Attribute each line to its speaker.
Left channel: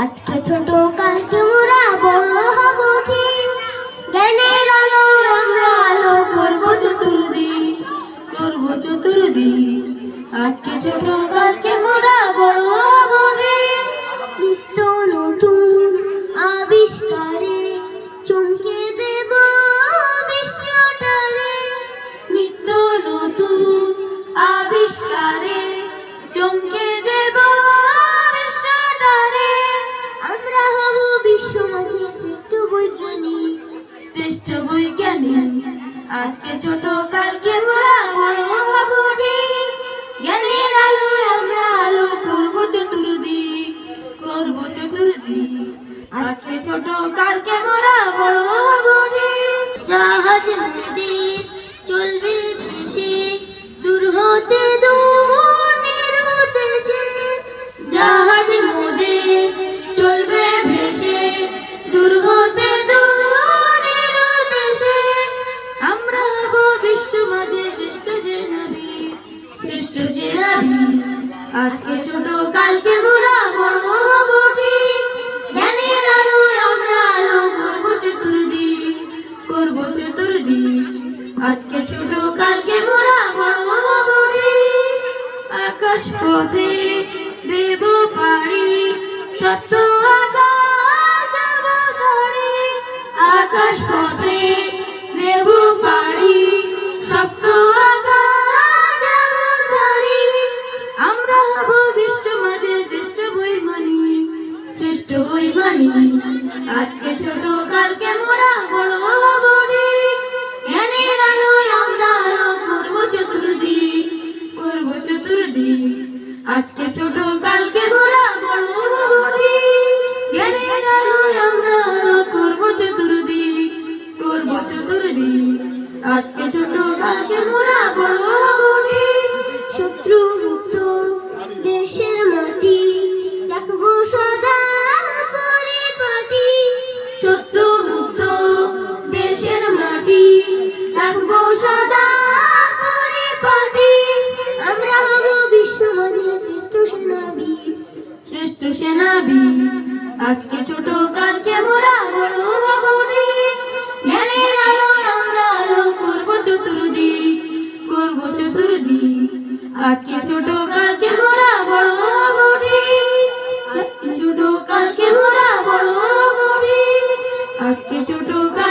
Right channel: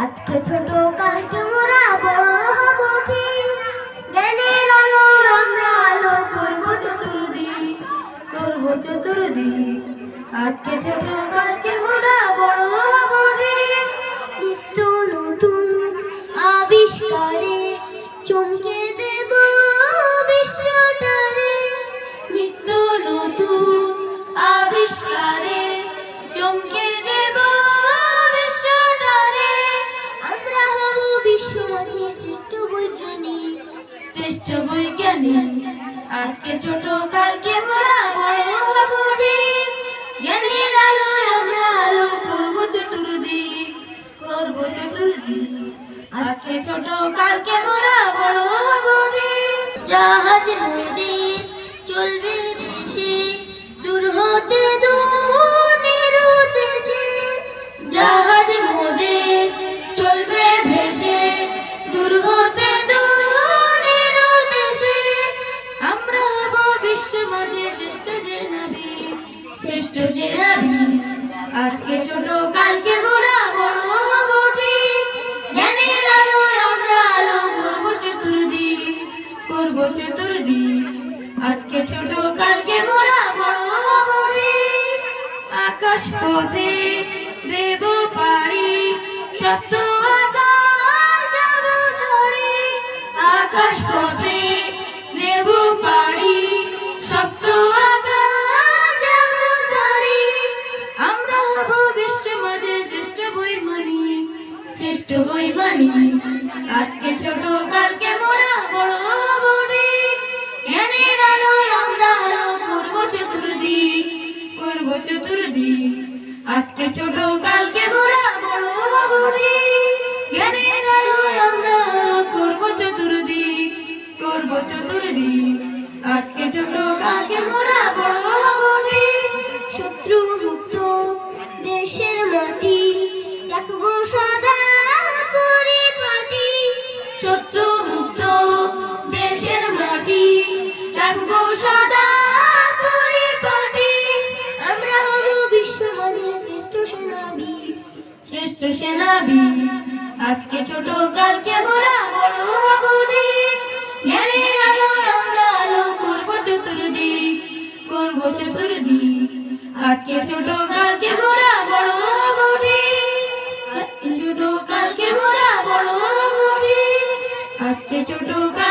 Speaker 1: আজকে ছোট কালকে মোরা বড় হব ঠিক। জ্ঞানের আলো আমরা আলো করব চতুর্দিক।
Speaker 2: করব চতুর্দিক। আজকে ছোট কালকে মোরা বড় হব ঠিক।
Speaker 1: নিত্য নতুন আবিষ্কারে বৈজ্ঞানিক,
Speaker 2: শ্রেষ্ঠ বৈজ্ঞানিক। আজকে ছোট, কালকে মোরা, বড় হব জ্ঞানের আলো আমরা আলো করব চতুর্দিক করব চতুর্দিক। আজকে ছোট, কালকে মোরা, বড় হব
Speaker 1: জাহাজ নদীর চলবে ভেসে
Speaker 2: নবী আজকে ছোট, কালকে মোরা বড় হব ঠিক। আমরা আলো করব করব আজকে ছোট, কালকে মোরা বড় হব ঠিক। আকাশ পথে দেব পাড়ি সত্য আকাশ পথে আজকে ছোট কালকে মোরা বড় হব জ্ঞানের আলোয় আমরা করব চতুর্দিক করব চতুর্দিক। আজকে ছোট কালকে মোরা বড় আমরা করব চতুর্দিক করব চতুর্দিক। আজকে ছোট কালকে মোরা বড়
Speaker 1: শত্রু শ্রেষ্ঠ সেনাবি। আজকে ছোট কালকে মোরা
Speaker 2: বড় হবনি জ্ঞানের আলো আমরা আলো করব
Speaker 1: চতুর্দিক করব চতুর্দিক। আজকে ছোট কালকে
Speaker 2: মোরা বড় আজকে ছোট কালকে মোরা বড় আজকে ছোট কাল